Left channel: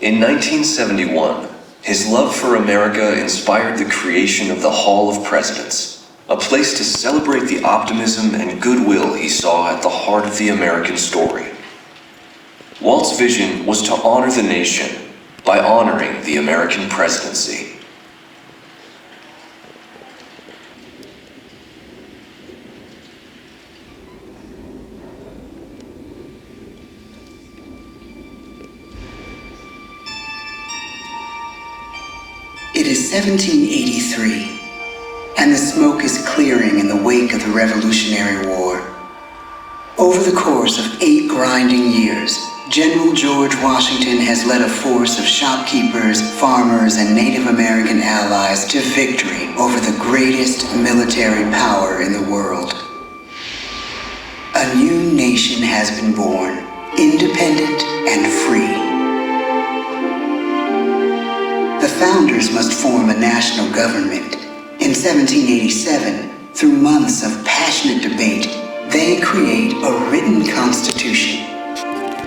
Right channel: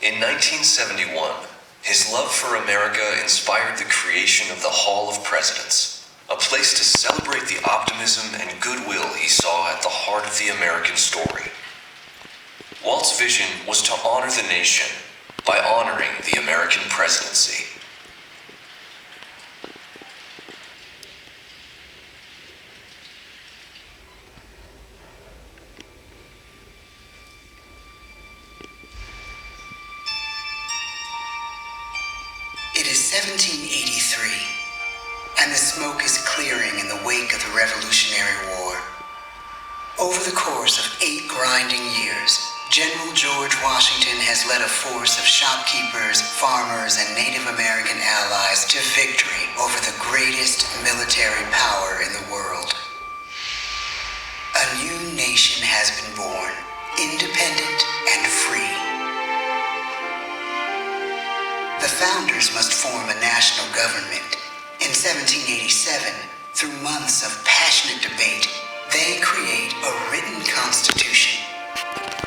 In 1971, his love for America inspired the creation of the Hall of Presidents, a place to celebrate the optimism and goodwill he saw at the heart of the American story. Walt's vision was to honor the nation by honoring the American presidency. It is 1783, and the smoke is clearing in the wake of the Revolutionary War. Over the course of 8 grinding years, General George Washington has led a force of shopkeepers, farmers, and Native American allies to victory over the greatest military power in the world. A new nation has been born, independent and free. The founders must form a national government. In 1787, through months of passionate debate, they create a written constitution.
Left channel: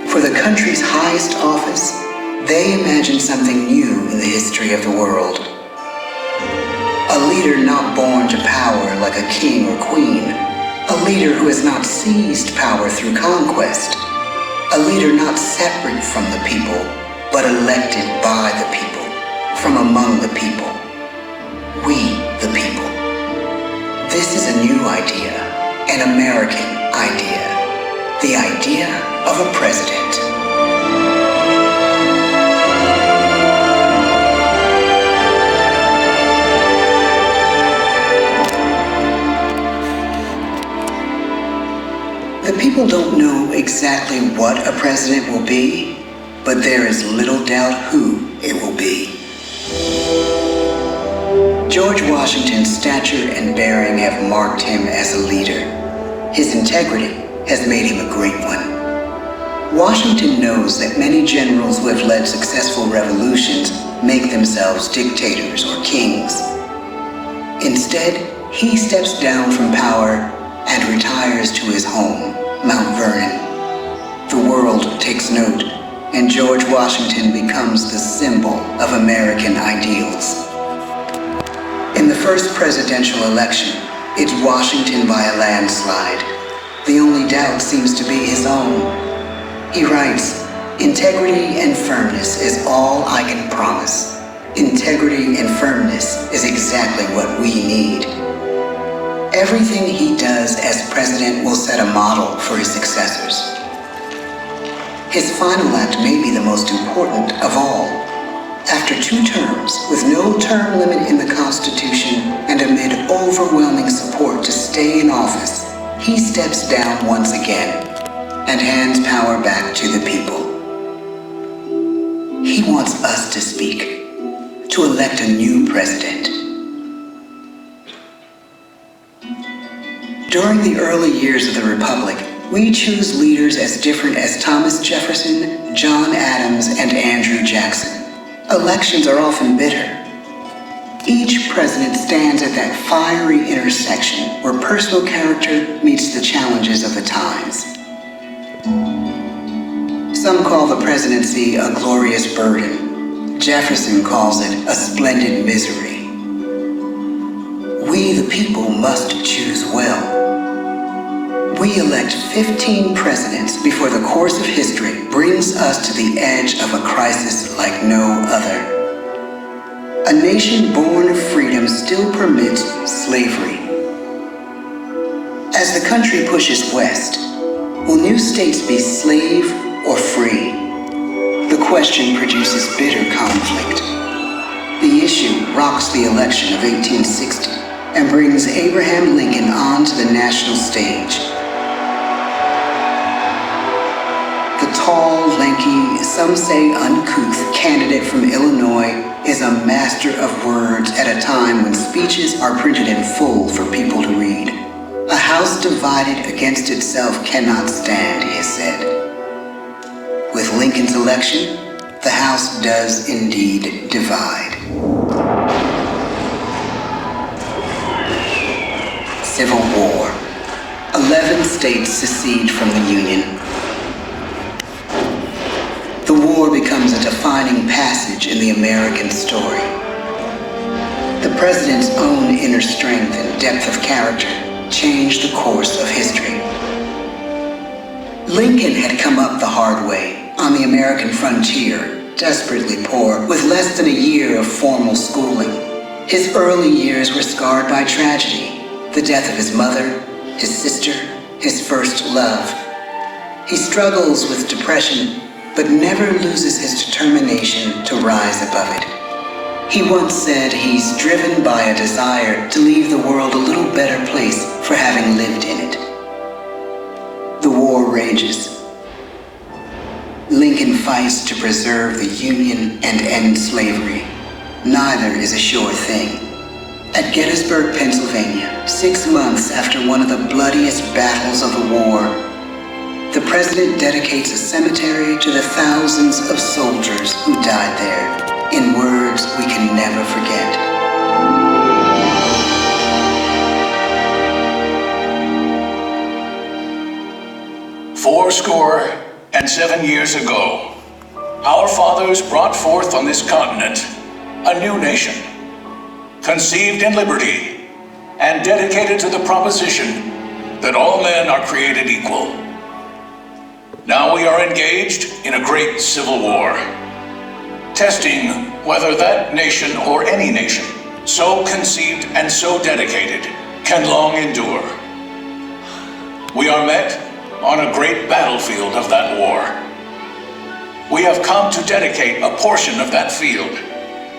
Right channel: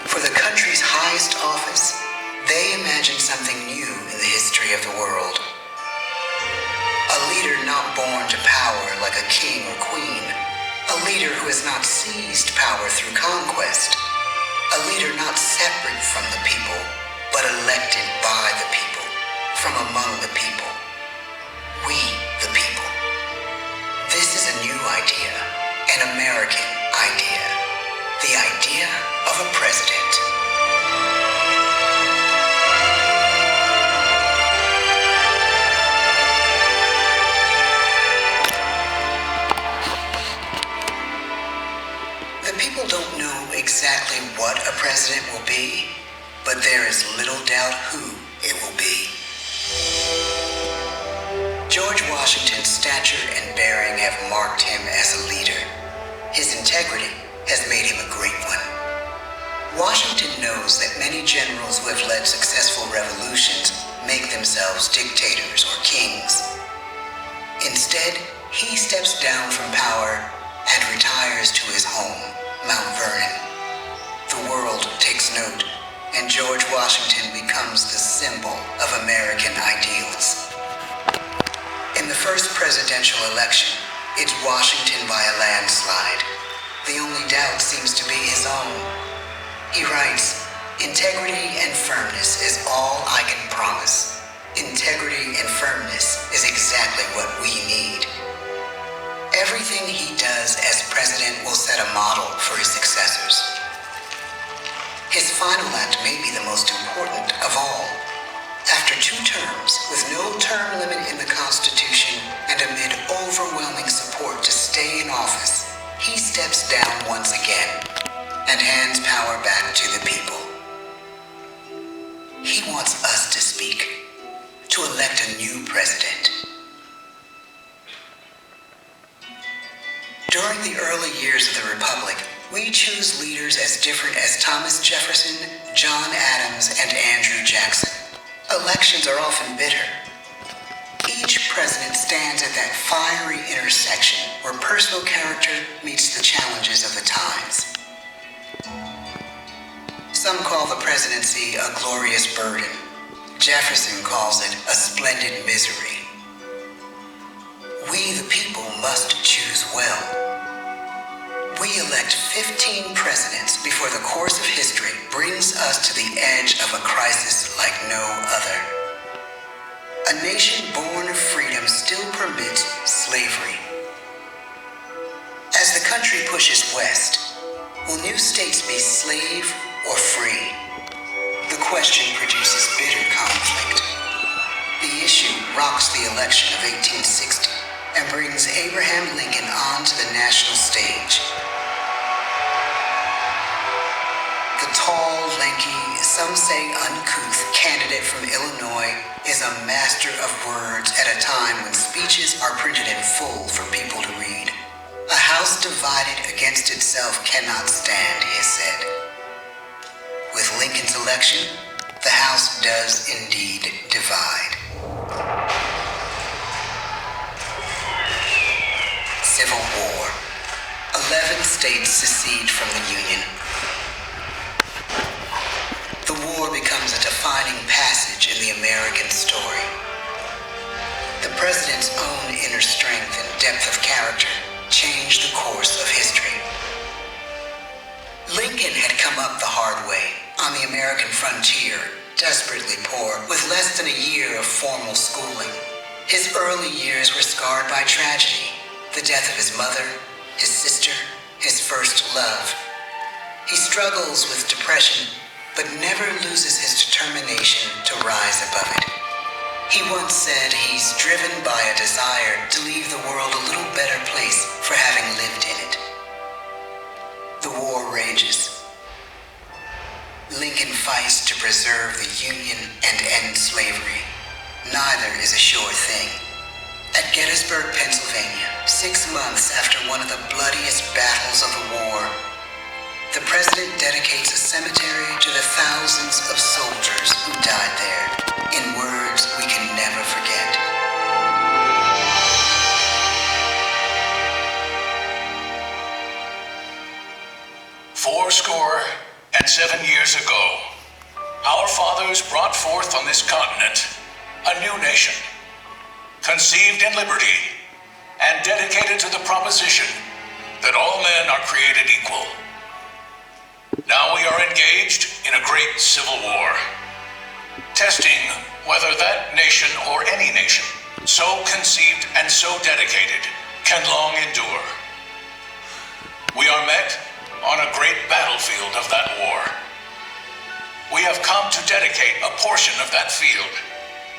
For the country's highest office, they imagine something new in the history of the world. A leader not born to power like a king or queen. A leader who has not seized power through conquest. A leader not separate from the people, but elected by the people. From among the people. We, the people. This is a new idea, an American idea. The idea of a president. The people don't know exactly what a president will be, but there is little doubt who it will be. George Washington's stature and bearing have marked him as a leader. His integrity has made him a great one. Washington knows that many generals who have led successful revolutions make themselves dictators or kings. Instead, he steps down from power and retires to his home, Mount Vernon. The world takes note, and George Washington becomes the symbol of American ideals. In the first presidential election, it's Washington by a landslide. The only doubt seems to be his own. He writes, "Integrity and firmness is all I can promise. Integrity and firmness is exactly what we need." Everything he does as president will set a model for his successors. His final act may be the most important of all. After 2 terms, with no term limit in the Constitution and amid overwhelming support to stay in office, he steps down once again and hands power back to the people. He wants us to speak, to elect a new president. During the early years of the Republic, we choose leaders as different as Thomas Jefferson, John Adams, and Andrew Jackson. Elections are often bitter. Each president stands at that fiery intersection where personal character meets the challenges of the times. Some call the presidency a glorious burden. Jefferson calls it a splendid misery. We, the people, must choose well. We elect 15 presidents before the course of history brings us to the edge of a crisis like no other. A nation born of freedom still permits slavery. As the country pushes west, will new states be slave or free? The question produces bitter conflict. The issue rocks the election of 1860 and brings Abraham Lincoln onto the national stage. The tall, lanky, some say uncouth candidate from Illinois is a master of words at a time when speeches are printed in full for people to read. A house divided against itself cannot stand, he has said. With Lincoln's election, the House does indeed divide. Civil War. 11 states secede from the Union. The war becomes a defining passage in the American story. The president's own inner strength and depth of character changed the course of history. Lincoln had come up the hard way on the American frontier, desperately poor, with less than a year of formal schooling. His early years were scarred by tragedy, the death of his mother, his sister, his first love. He struggles with depression, but never loses his determination to rise above it. He once said he's driven by a desire to leave the world a little better place for having lived in it. The war rages. Lincoln fights to preserve the Union and end slavery. Neither is a sure thing. At Gettysburg, Pennsylvania, 6 months after one of the bloodiest battles of the war, the president dedicates a cemetery to the thousands of soldiers who died there, in words we can never forget. "Fourscore and 7 years ago, our fathers brought forth on this continent a new nation, conceived in liberty and dedicated to the proposition that all men are created equal. Now we are engaged in a great civil war, testing whether that nation or any nation so conceived and so dedicated can long endure. We are met on a great battlefield of that war. We have come to dedicate a portion of that field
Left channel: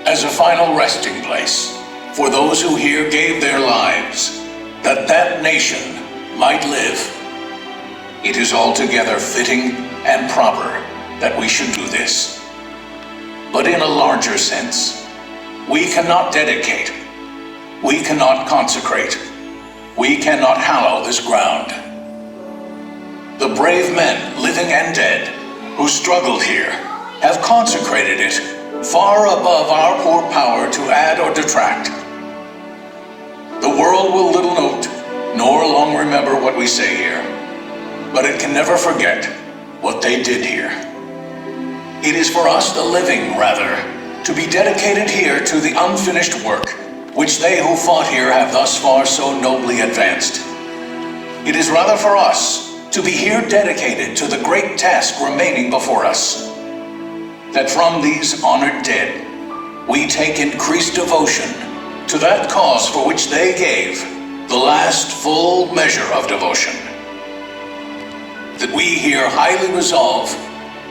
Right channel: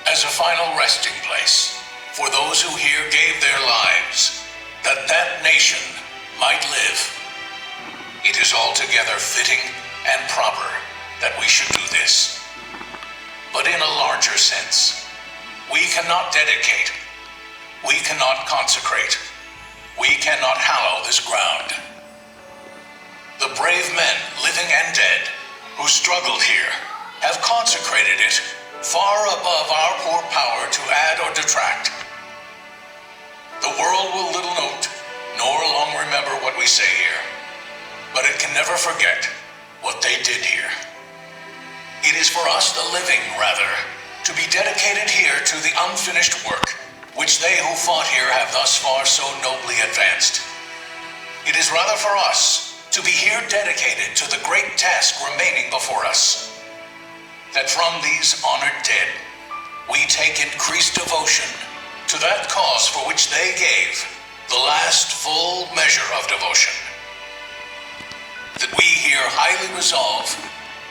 as a final resting place for those who here gave their lives that that nation might live. It is altogether fitting and proper that we should do this. But in a larger sense, we cannot dedicate, we cannot consecrate, we cannot hallow this ground. The brave men, living and dead, who struggled here, have consecrated it far above our poor power to add or detract. The world will little note, nor long remember what we say here, but it can never forget what they did here. It is for us, the living, rather, to be dedicated here to the unfinished work which they who fought here have thus far so nobly advanced. It is rather for us to be here dedicated to the great task remaining before us, that from these honored dead we take increased devotion to that cause for which they gave the last full measure of devotion. That we here highly resolve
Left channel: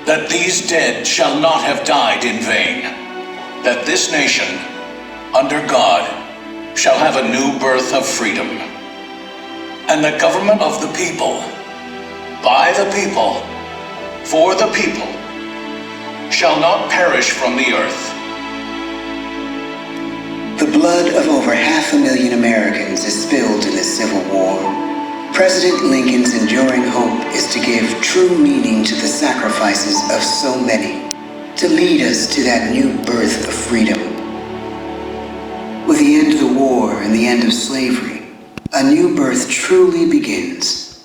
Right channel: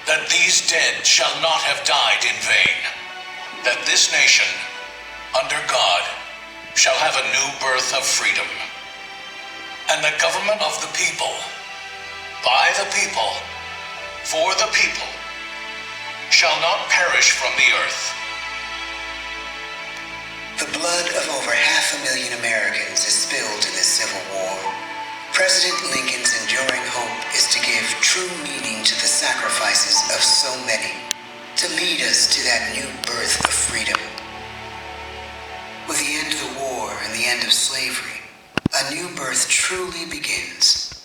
that these dead shall not have died in vain, that this nation, under God, shall have a new birth of freedom, and the government of the people, by the people, for the people, shall not perish from the earth. The blood of over 500,000 Americans is spilled in this Civil War. President Lincoln's enduring hope is to give true meaning to the sacrifices of so many, to lead us to that new birth of freedom. With the end of the war and the end of slavery, a new birth truly begins.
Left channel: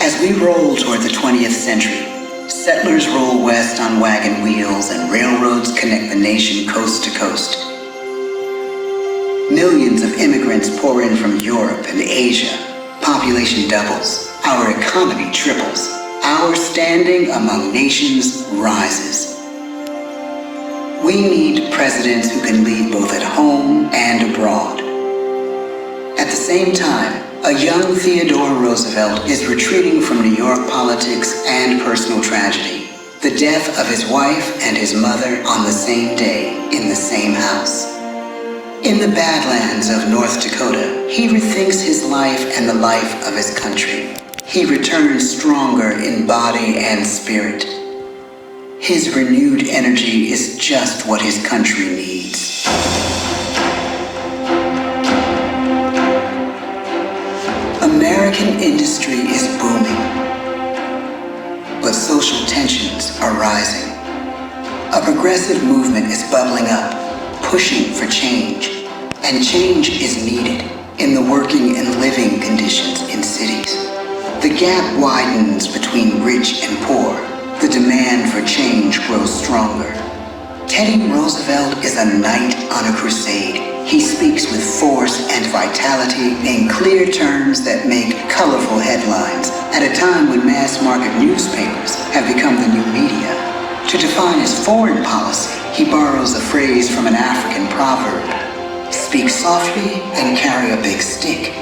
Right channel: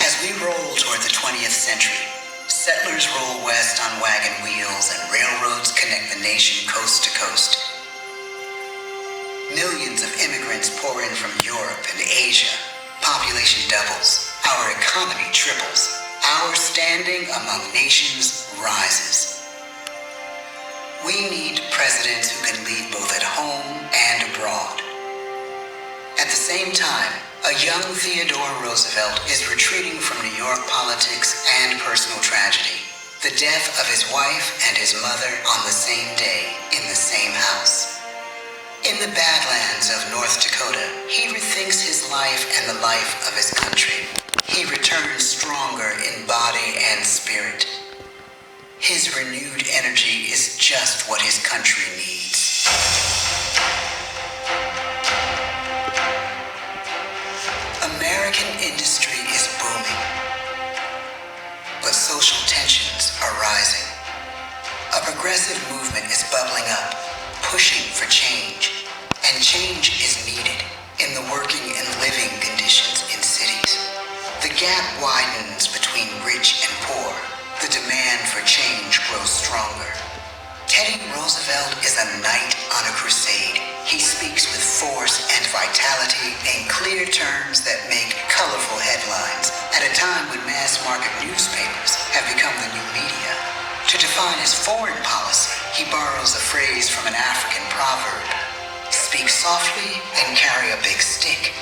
As we roll toward the 20th century, settlers roll west on wagon wheels and railroads connect the nation coast to coast. Millions of immigrants pour in from Europe and Asia. Population doubles. Our economy triples. Our standing among nations rises. We need presidents who can lead both at home and abroad. At the same time, a young Theodore Roosevelt is retreating from New York politics and personal tragedy. The death of his wife and his mother on the same day in the same house. In the Badlands of North Dakota, he rethinks his life and the life of his country. He returns stronger in body and spirit. His renewed energy is just what his country needs. American industry is booming, but social tensions are rising. A progressive movement is bubbling up, pushing for change, and change is needed in the working and living conditions in cities. The gap widens between rich and poor. The demand for change grows stronger. Teddy Roosevelt is a knight on a crusade. He speaks with force and vitality in clear terms that make colorful headlines at a time when mass-market newspapers have become the new media. To define his foreign policy, he borrows a phrase from an African proverb: speak softly and carry a big stick.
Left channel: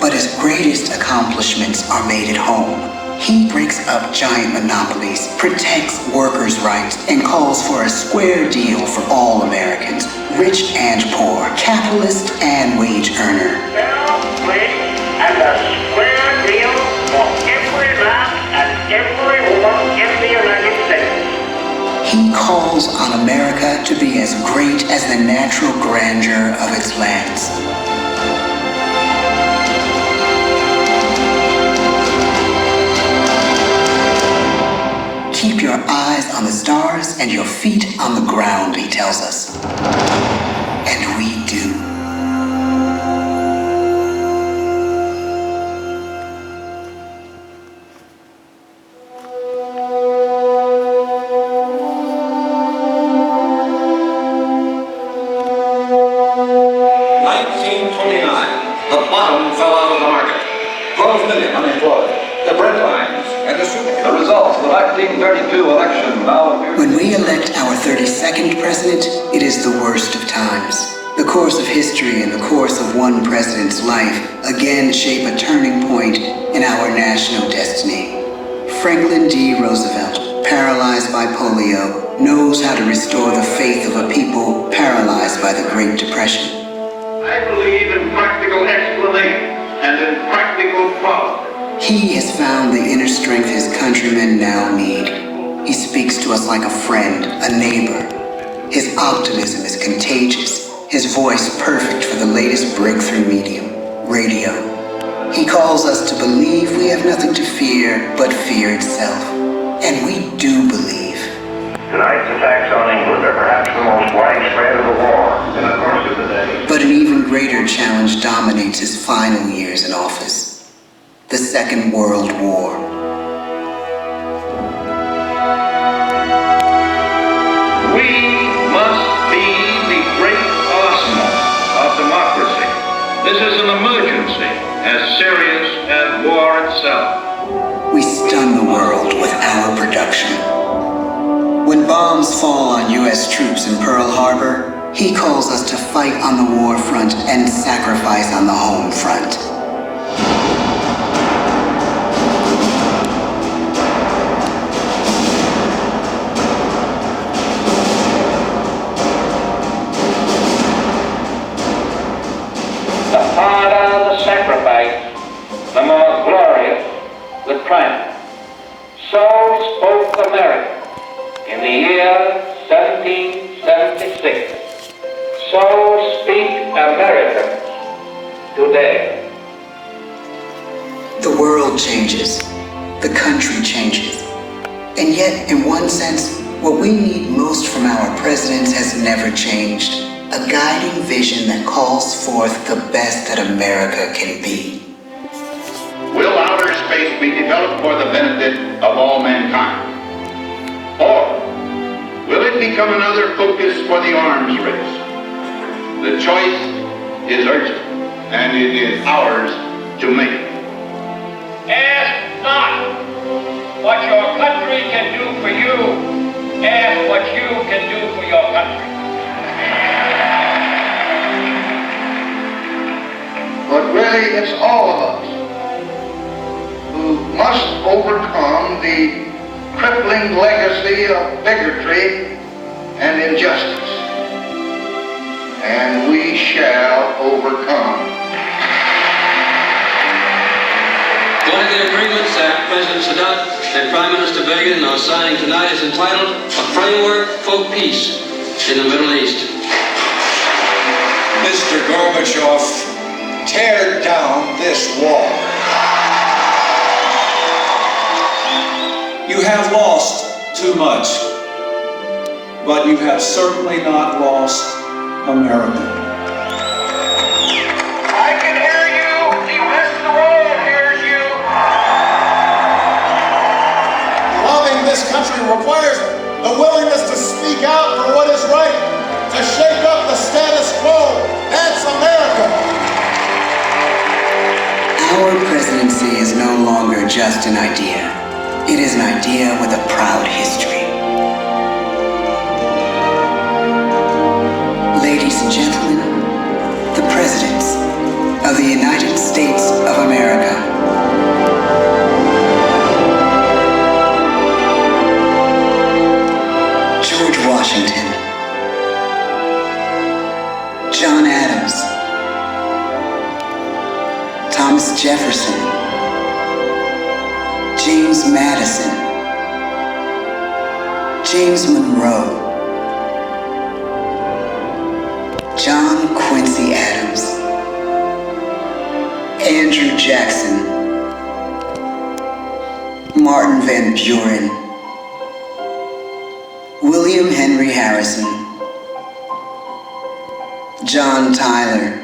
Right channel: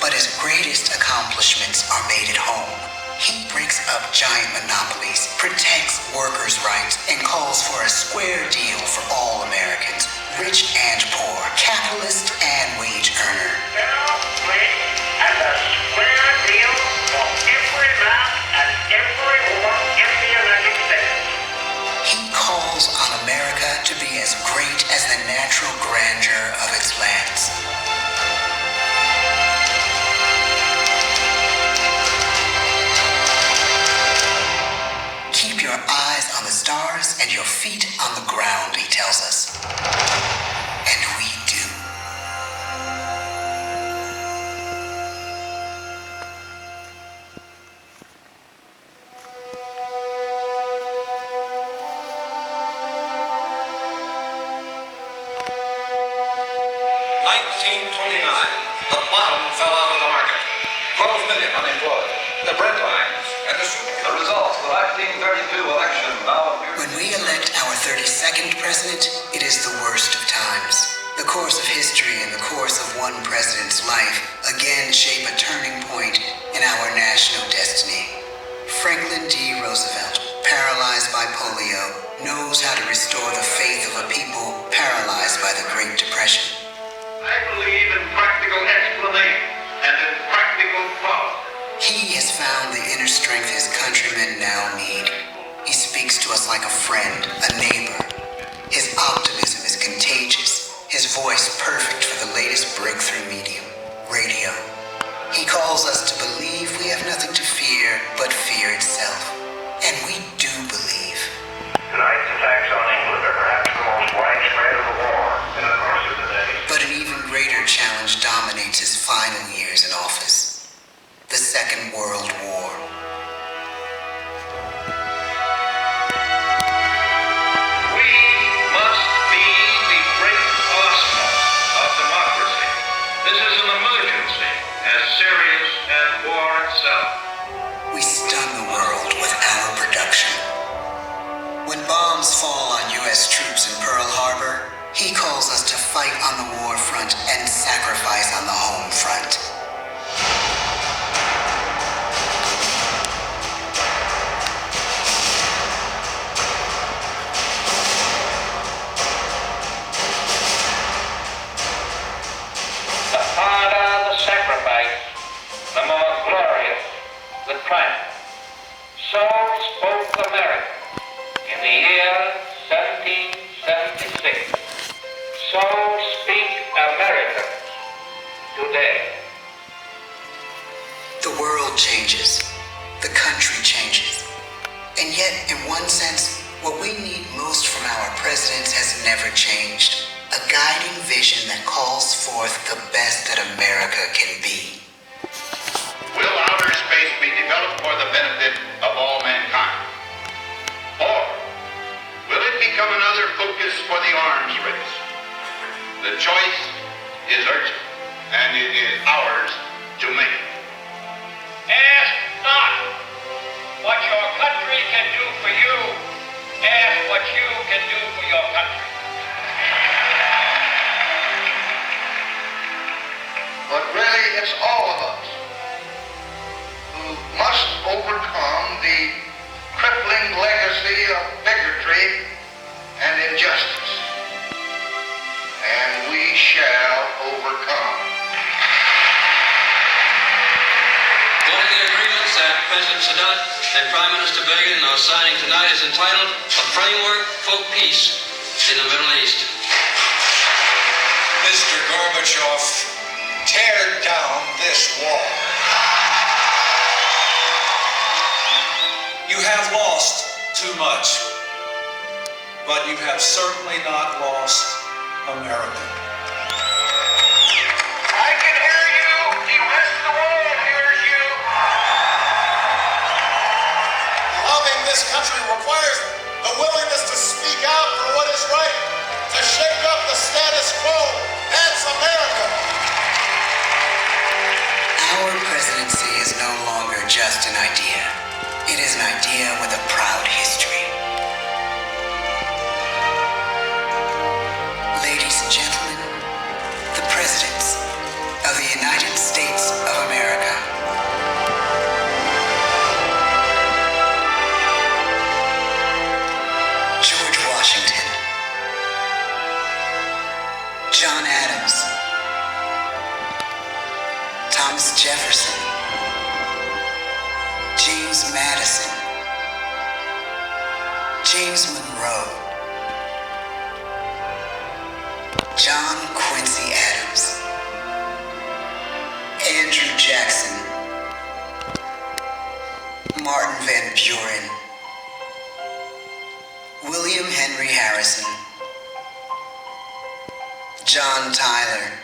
But his greatest accomplishments are made at home. He breaks up giant monopolies, protects workers' rights, and calls for a square deal for all Americans, rich and poor, capitalist and wage earner. Fair wage and a square deal for every man and every woman in the United States. He calls on America to be as great as the natural grandeur of its lands. Keep your eyes on the stars and your feet on the ground, he tells us. And we do. The bottom fell out of the market. 12 million unemployed. The bread lines and the soup. The results of the 1932 election now appear. When we elect our 32nd president, it is the worst of times. The course of history and the course of one president's life again shape a turning point in our national destiny. Franklin D. Roosevelt, paralyzed by polio, knows how to restore the faith of a people paralyzed by the Great Depression. I believe in practical explanation and in practical problems. He has found the inner strength his countrymen now need. He speaks to us like a friend, a neighbor. His optimism is contagious, his voice perfect for the latest breakthrough medium, radio. He calls us to believe we have nothing to fear but fear itself. And we do believe. Tonight's attacks on England are perhaps the most widespread of the war in the course of the day. But an even greater challenge dominates his final years in office. The Second World War. We must be the great arsenal of democracy. This is an emergency as serious as war itself. We stun the world with our production. When bombs fall on U.S. troops in Pearl Harbor, he calls us to fight on the war front and sacrifice on the home front. The harder the sacrifice, the more glorious the triumph. So spoke America in the year 1776. So speak Americans today. The world changes. The country changes. And yet, in one sense, what we need most from our presidents has never changed. A guiding vision that calls forth the best that America can be. Will outer space be developed for the benefit of all mankind? Or will it become another focus for the arms race? The choice is urgent, and it is ours to make. Ask not what your country can do for you. Ask what you can do for your country. But really, it's all of us who must overcome the crippling legacy of bigotry and injustice. And we shall overcome. One of the agreements that President Sadat and Prime Minister Begin are signing tonight is entitled A Framework for Peace in the Middle East. Mr. Gorbachev, tear down this wall. You have lost too much, but you have certainly not lost America. I can hear you. The rest of the world hears you. this country requires the willingness to speak out for what is right, to shake up the status quo. That's America. Our presidency is no longer just an idea. It is an idea with a proud history. Ladies and gentlemen, the presidents of the United States of America. George Washington, John Adams, Thomas Jefferson, James Madison, James Monroe, John Quincy Adams, Andrew Jackson, Martin Van Buren, William Henry Harrison, John Tyler,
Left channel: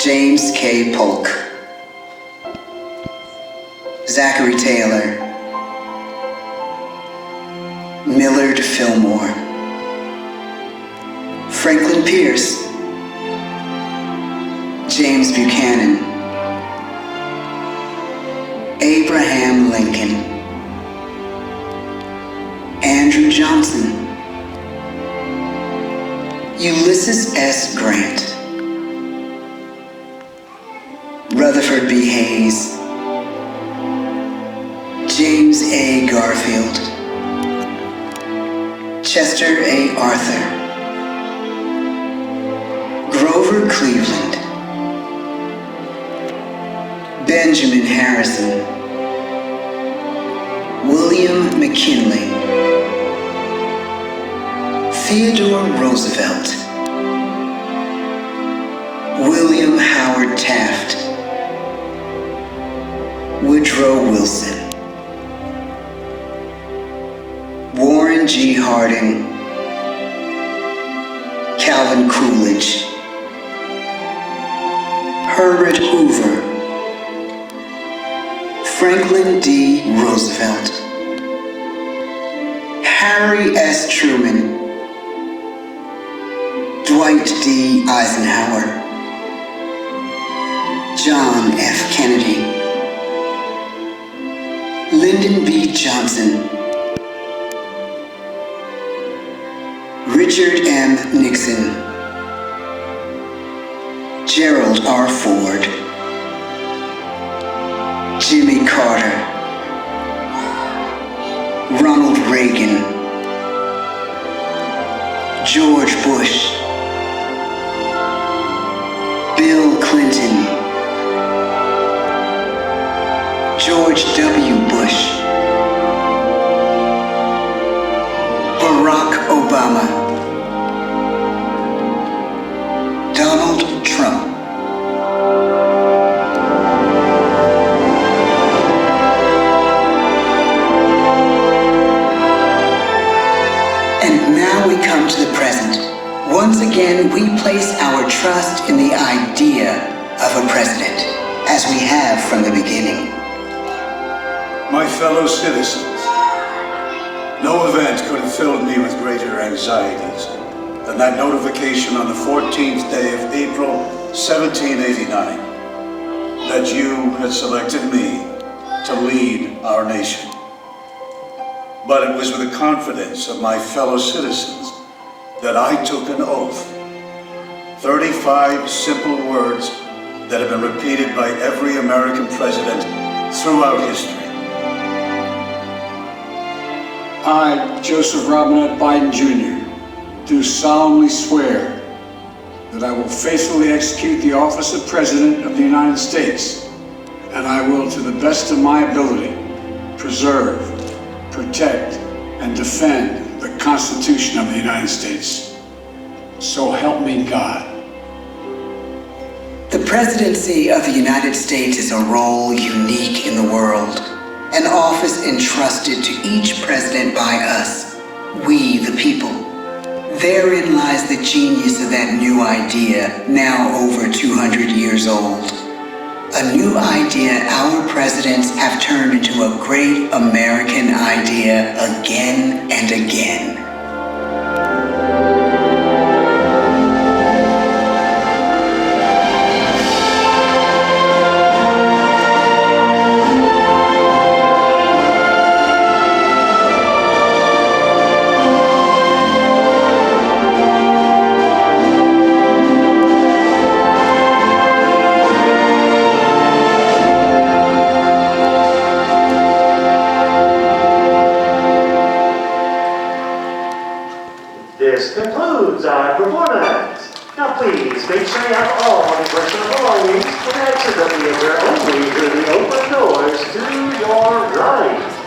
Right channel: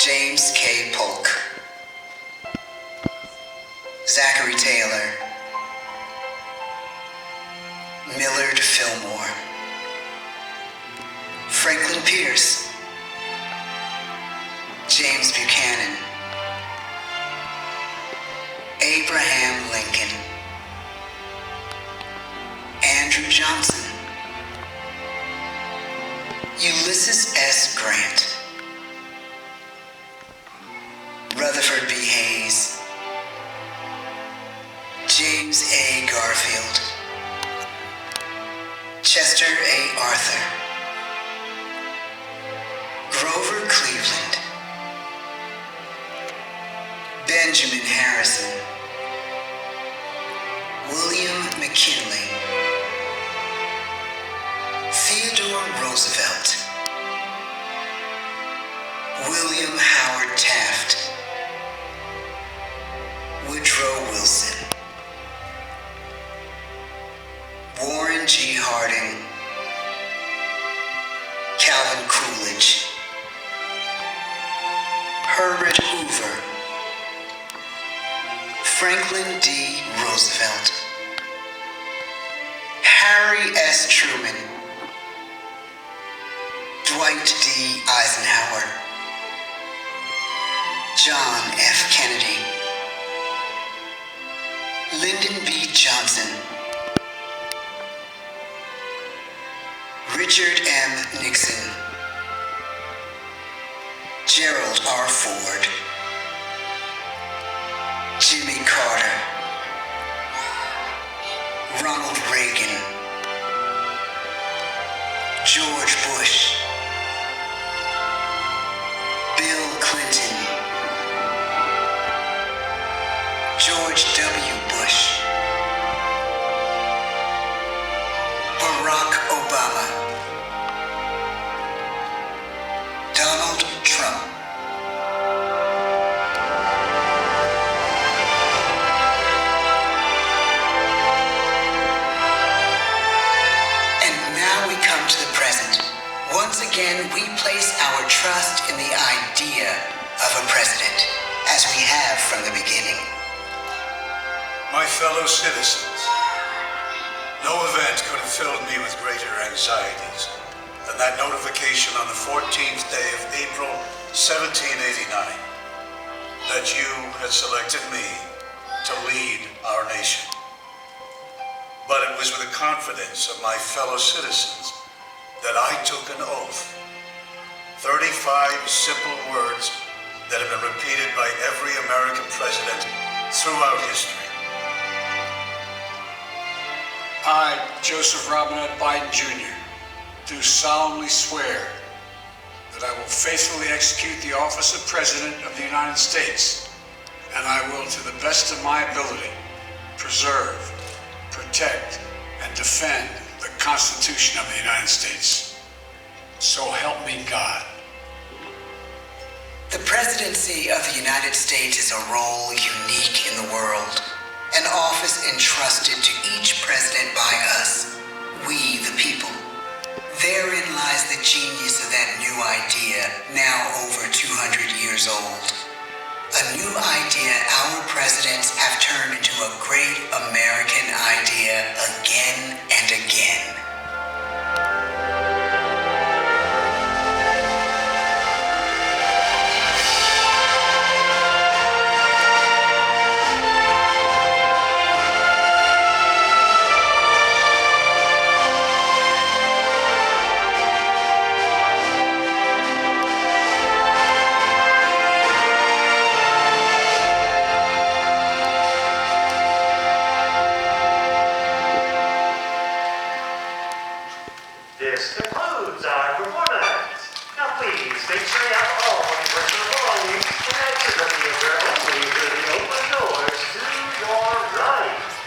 James K. Polk, Zachary Taylor, Millard Fillmore, Franklin Pierce, James Buchanan, Abraham Lincoln, Andrew Johnson, Ulysses S. Grant, Rutherford B. Hayes, James A. Garfield, Chester A. Arthur, Grover Cleveland, Benjamin Harrison, William McKinley, Theodore Roosevelt, William Howard Taft, Woodrow Wilson, Warren G. Harding, Calvin Coolidge, Herbert Hoover, Franklin D. Roosevelt, Harry S. Truman, Dwight D. Eisenhower, John F. Kennedy, Lyndon B. Johnson, Richard M. Nixon, Gerald R. Ford, Jimmy Carter, Ronald Reagan, George Bush, Bill Clinton, George W. Bush, Barack Obama, Donald Trump. And now we come to the present. Once again, we place our trust in the idea of a president, as we have from the beginning. My fellow citizens, no event could have filled me with greater anxieties than that notification on the 14th day of April, 1789, that you had selected me to lead our nation. But it was with the confidence of my fellow citizens that I took an oath. 35 simple words that have been repeated by every American president throughout history. I, Joseph Robinette Biden Jr., do solemnly swear that I will faithfully execute the office of President of the United States, and I will, to the best of my ability, preserve, protect, and defend the Constitution of the United States. So help me God. The presidency of the United States is a role unique in the world, an office entrusted to each president by us, we the people. Therein lies the genius of that new idea, now over 200 years old. a new idea our presidents have turned into a great American idea again and again. This concludes our performance. Now please make sure you have all your personal belongings and exit the theater only through the open doors to your right.